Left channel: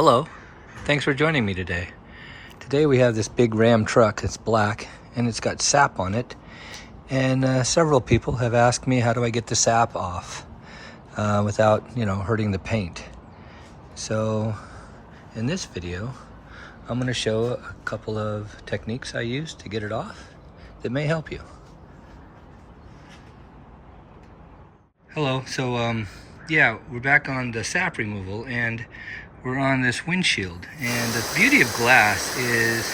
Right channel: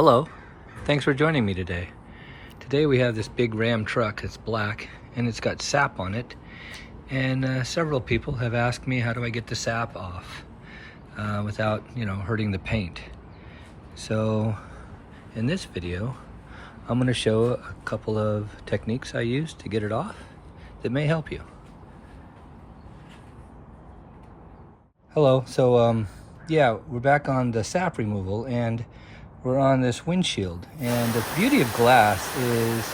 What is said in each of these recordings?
Hello, thanks for joining me today. Today we have this big Ram truck. It's black and it's got sap on it. And several people have asked me, how do I get the sap off without, hurting the paint? So in this video, I'm gonna show a couple of techniques I use to get it off that may help you. Hello, so we're back on the sap removal and we're on this windshield. And the beauty of glass is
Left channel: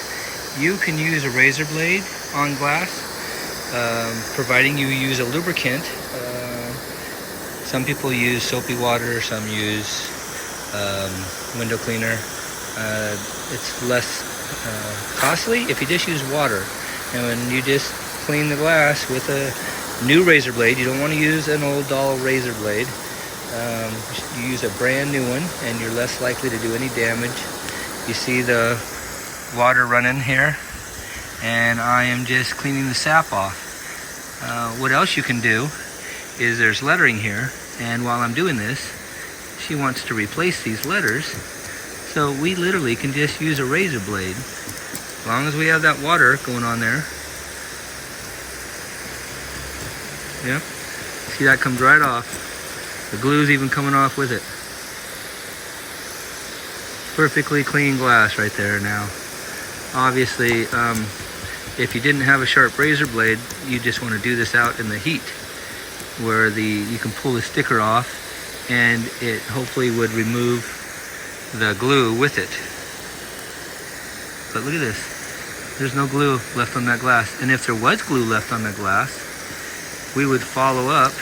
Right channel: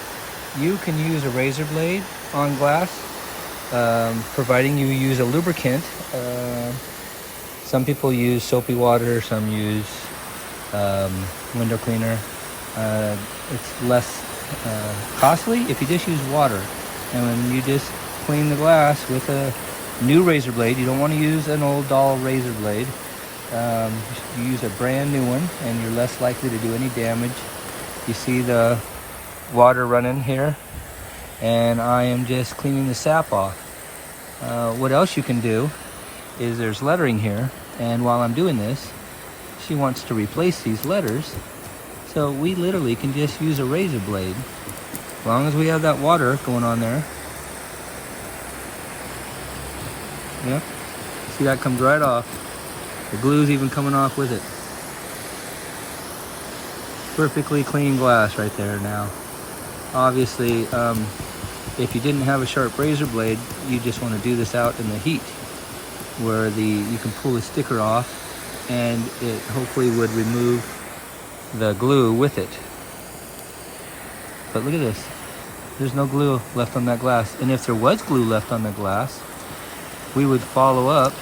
you can use a razor blade on glass, providing you use a lubricant. Some people use soapy water, some use window cleaner. It's less costly if you just use water. And when you just clean the glass with a new razor blade, you don't want to use an old dull razor blade. You use a brand new one and you're less likely to do any damage. You see the water running here, and I am just cleaning the sap off. What else you can do is there's lettering here, and while I'm doing this, she wants to replace these letters. So we literally can just use a razor blade, as long as we have that water going on there. Yep, see that comes right off. The glue's even coming off with it. Perfectly clean glass right there now. Obviously, if you didn't have a sharp razor blade, you just want to do this out in the heat, where you can pull the sticker off, and it hopefully would remove the glue with it. But look at this. There's no glue left on that glass. And if there was glue left on the glass, we would follow up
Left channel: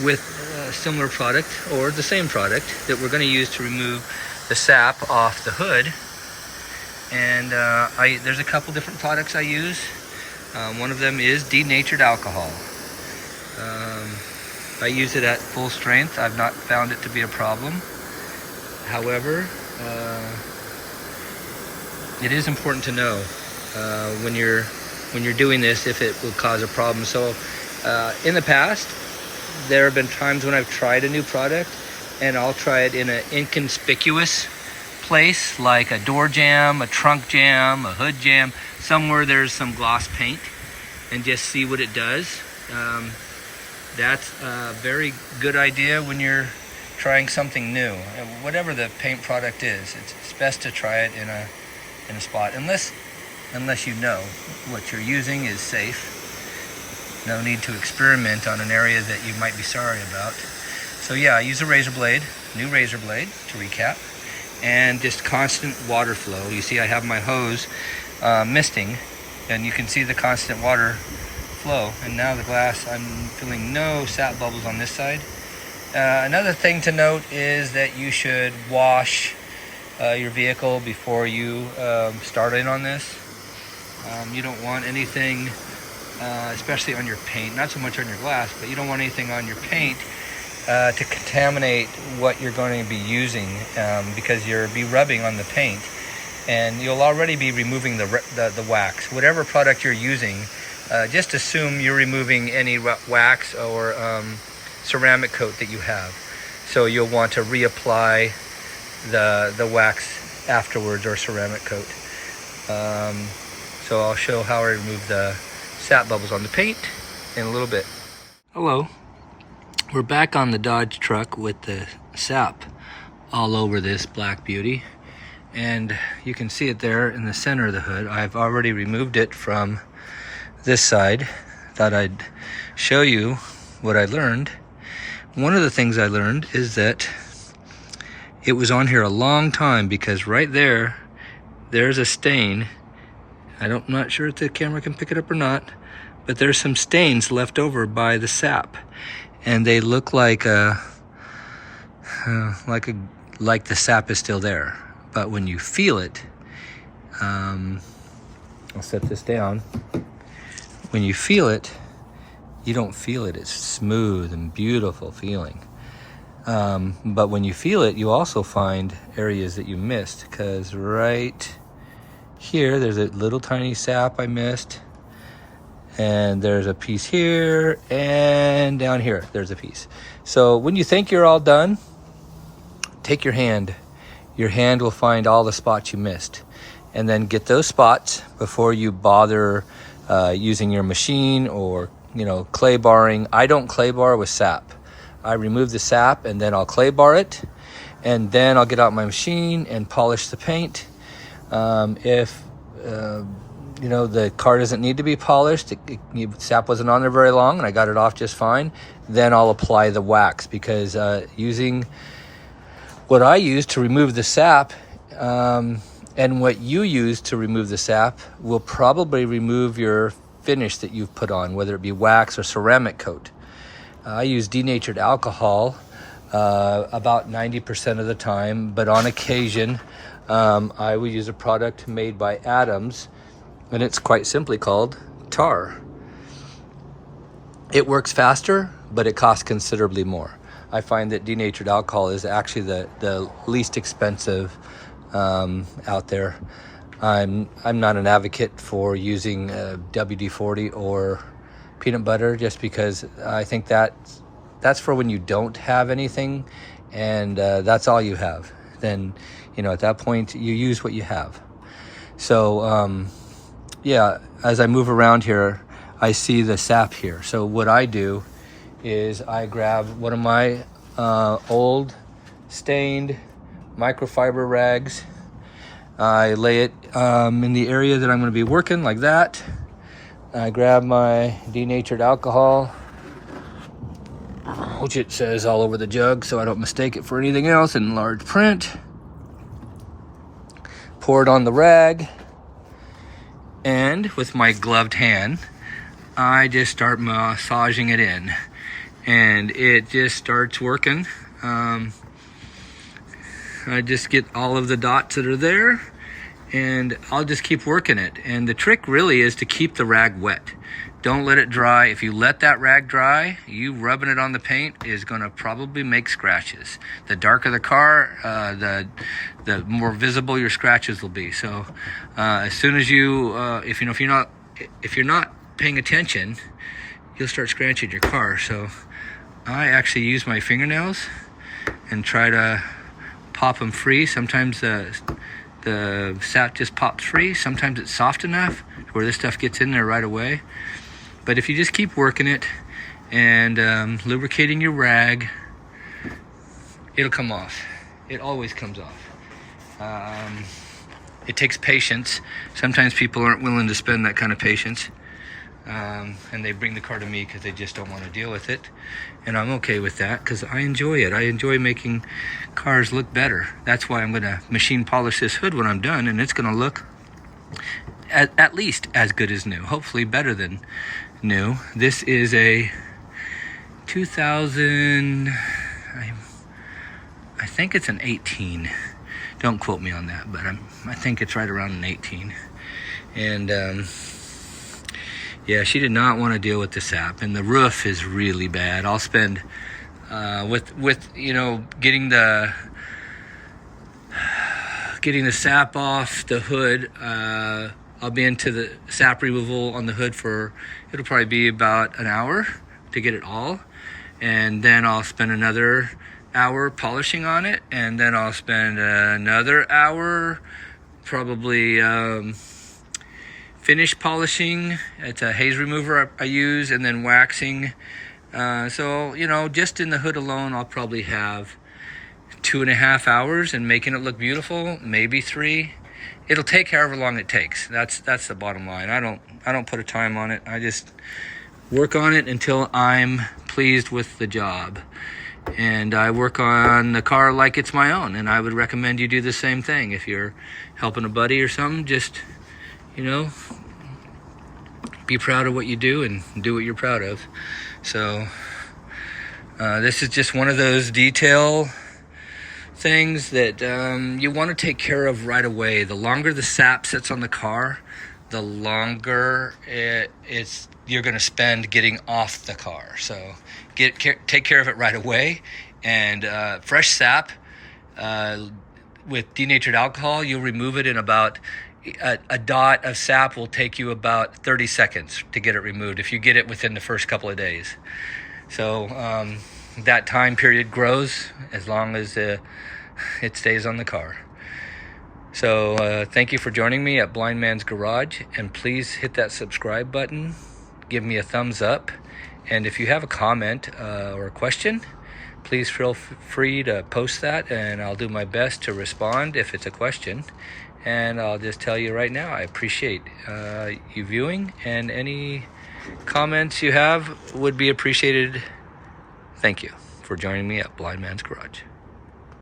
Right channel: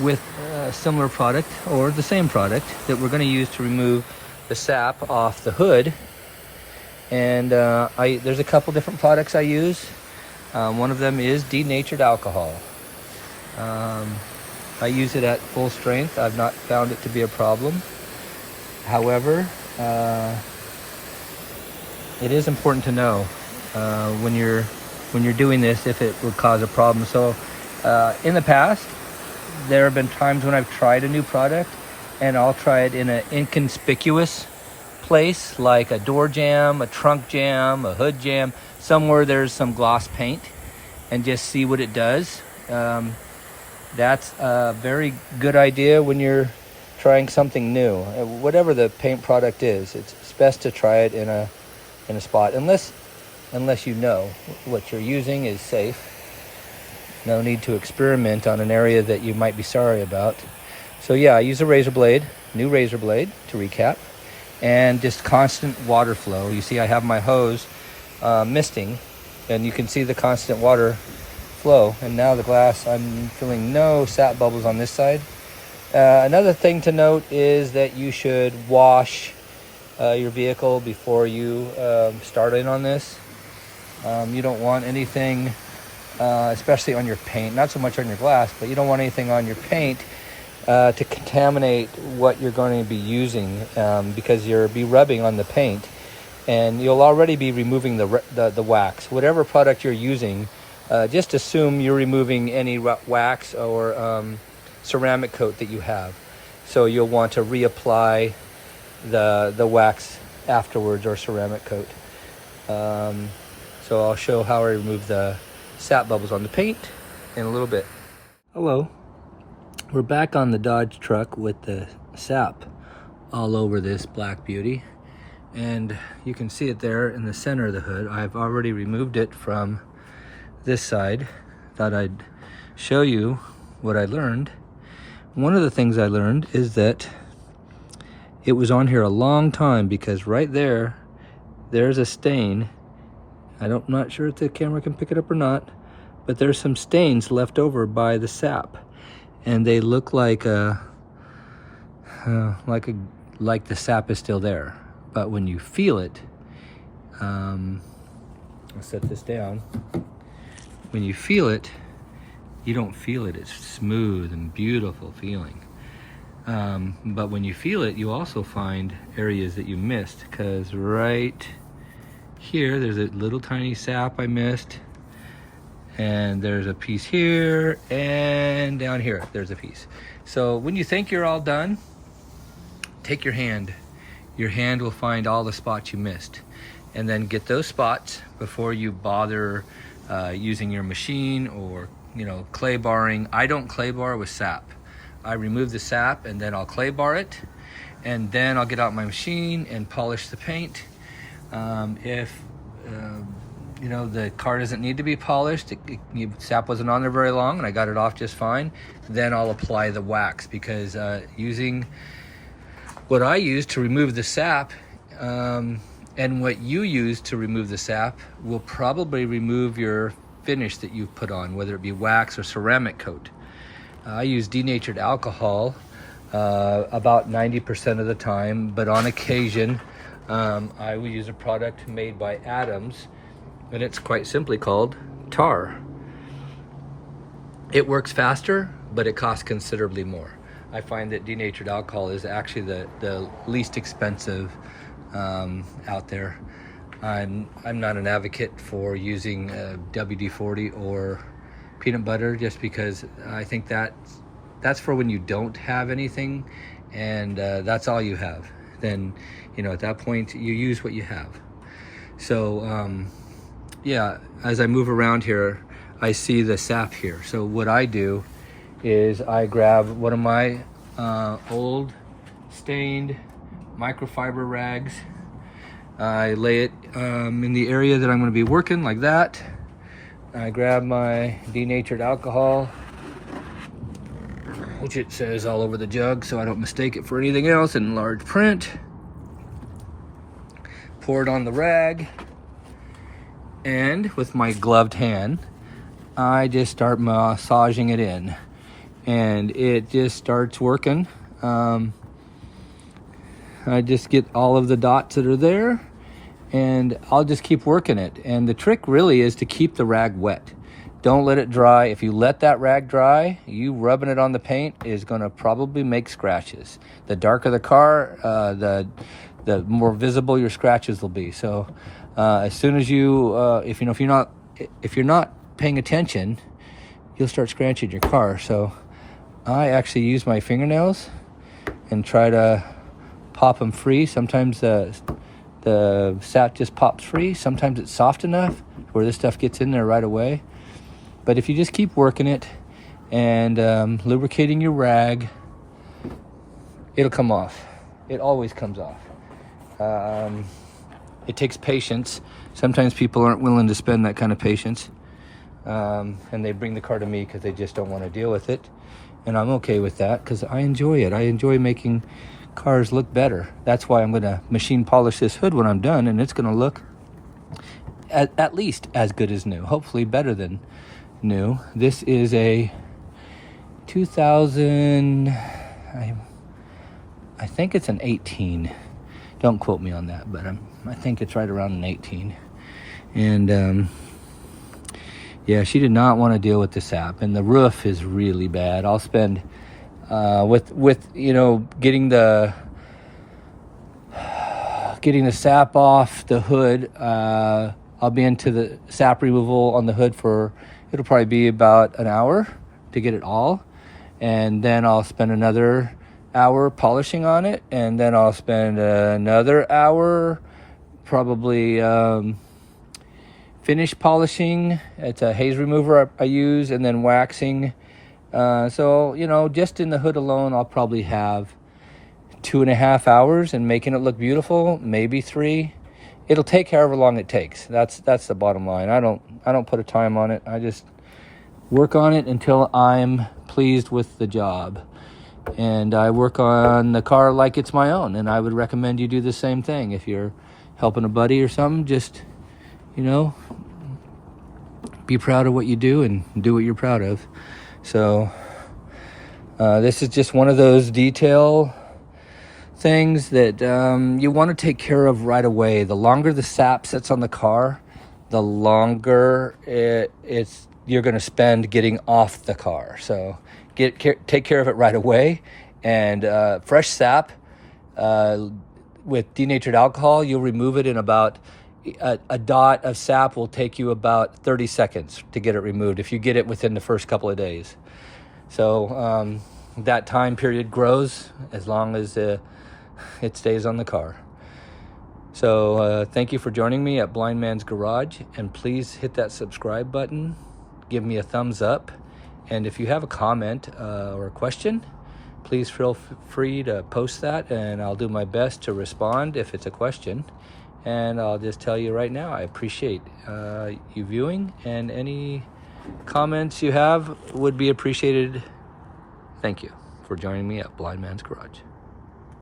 with a similar product or the same product that we're going to use to remove the sap off the hood. And there's a couple different products I use. One of them is denatured alcohol. I use it at full strength. I've not found it to be a problem. However, it is important to know when you're doing this if it will cause a problem. So in the past, there have been times when I've tried a new product and I'll try it in an inconspicuous place, like a door jamb, a trunk jamb, a hood jamb, somewhere there's some gloss paint, and just see what it does. That's a very good idea when you're trying something new. Whatever the paint product is, it's best to try it in a spot, unless you know what you're using is safe. No need to experiment on an area that you might be sorry about. So yeah, I use a razor blade, new razor blade to recap, and just constant water flow. You see I have my hose misting, and you can see the constant water flow. And now the glass, I'm feeling no sap bubbles on this side. Another thing to note is that you should wash your vehicle before you start in on this. You don't want anything, especially on your paint, not so much on your glass, but you don't want anything on your paint to contaminate what you're going to be using, because you'll be rubbing on the paint and you'll already be removing the wax. Whatever product you're using, just assume you're removing any wax or ceramic coat that you have. So you'll want to reapply the wax afterwards, or ceramic coat. So I'll show how I remove the sap bubbles on the paint in a little bit. Hello, we're back on the Dodge truck with the sap all over this black beauty, and you can see it there in the center of the hood. I've already removed it from this side. Thought I'd show you what I learned. One of the things I learned is that it was on here a long time, because right there's a stain. I'm not sure if the camera can pick it up or not, but there's some stains left over by the sap, and they look like the sap is still there. But when you feel it, I'll set this down. When you feel it, you don't feel it. It's smooth and beautiful feeling. But when you feel it, you also find areas that you missed, because right here, there's a little tiny sap I missed, and there's a piece here, and down here, there's a piece. So when you think you're all done, take your hand your hand will find all the spots you missed. And then get those spots before you bother using your machine or, you know, clay barring. I don't clay bar with sap. I remove the sap and then I'll clay bar it, and then I'll get out my machine and polish the paint. If you know, the car doesn't need to be polished, sap wasn't on there very long and I got it off just fine, then I'll apply the wax, because using what I use to remove the sap and what you use to remove the sap will probably remove your finish that you've put on, whether it be wax or ceramic coat. I use denatured alcohol about 90% of the time, but on occasion I will use a product made by Adams, and it's quite simply called tar. It works faster, but it costs considerably more. I find that denatured alcohol is actually the least expensive out there. I'm not an advocate for using WD-40 or peanut butter, just because I think that's for when you don't have anything and that's all you have. Then, you know, at that point you use what you have. So yeah, as I move around here, I see the sap here. So what I do is I grab one of my old stained microfiber rags. I lay it in the area that I'm going to be working, like that. I grab my denatured alcohol, which it says all over the jug so I don't mistake it for anything else in large print. Pour it on the rag, and with my gloved hand, I just start massaging it in, and it just starts working. I just get all of the dots that are there, and I'll just keep working it. And the trick really is to keep the rag wet. Don't let it dry. If you let that rag dry, you rubbing it on the paint is going to probably make scratches. The darker the car, the more visible your scratches will be. So as soon as you, if you're not paying attention, you'll start scratching your car. So I actually use my fingernails and try to pop them free. Sometimes the sap just pops free. Sometimes it's soft enough where this stuff gets in there right away. But if you just keep working it and lubricating your rag, it'll come off. It always comes off. It takes patience. Sometimes people aren't willing to spend that kind of patience, and they bring the car to me because they just don't want to deal with it. And I'm okay with that because I enjoy it. I enjoy making cars look better. That's why I'm going to machine polish this hood when I'm done, and it's going to look at least as good as new, hopefully better than new. This is a 2000, I think it's an 18. Don't quote me on that, but I think it's right around an 18. And yeah, she did not want to deal with the sap, and the roof is really bad. I'll spend with you know, getting the sap off the hood. I'll be into the sap removal on the hood for, it'll probably be about an hour to get it all, and then I'll spend another hour polishing on it, and then I'll spend another hour probably finish polishing. It's a haze remover I use, and then waxing. So, you know, just in the hood alone, I'll probably have 2.5 hours and making it look beautiful, maybe 3. It'll take however long it takes. That's the bottom line. I don't put a time on it. I just work on it until I'm pleased with the job. And I work on the car like it's my own, and I would recommend you do the same thing. If you're helping a buddy or something, just, you know, be proud of what you do and do what you're proud of. So this is just one of those detail things that you want to take care of right away. The longer the sap sits on the car, the longer you're going to spend getting off the car. So take care of it right away. And fresh sap with denatured alcohol, you'll remove it in about a dot of sap will take you about 30 seconds to get it removed if you get it within the first couple of days. So that time period grows as long as it stays on the car. So thank you for joining me at Blind Man's Garage, and please hit that subscribe button, give me a thumbs up, and if you have a comment or a question, please feel free to post that, and I'll do my best to respond if it's a question. And I'll just tell you right now, I appreciate you viewing, and any comments you have would be appreciated. Thank you for joining me at Blind Man's Garage.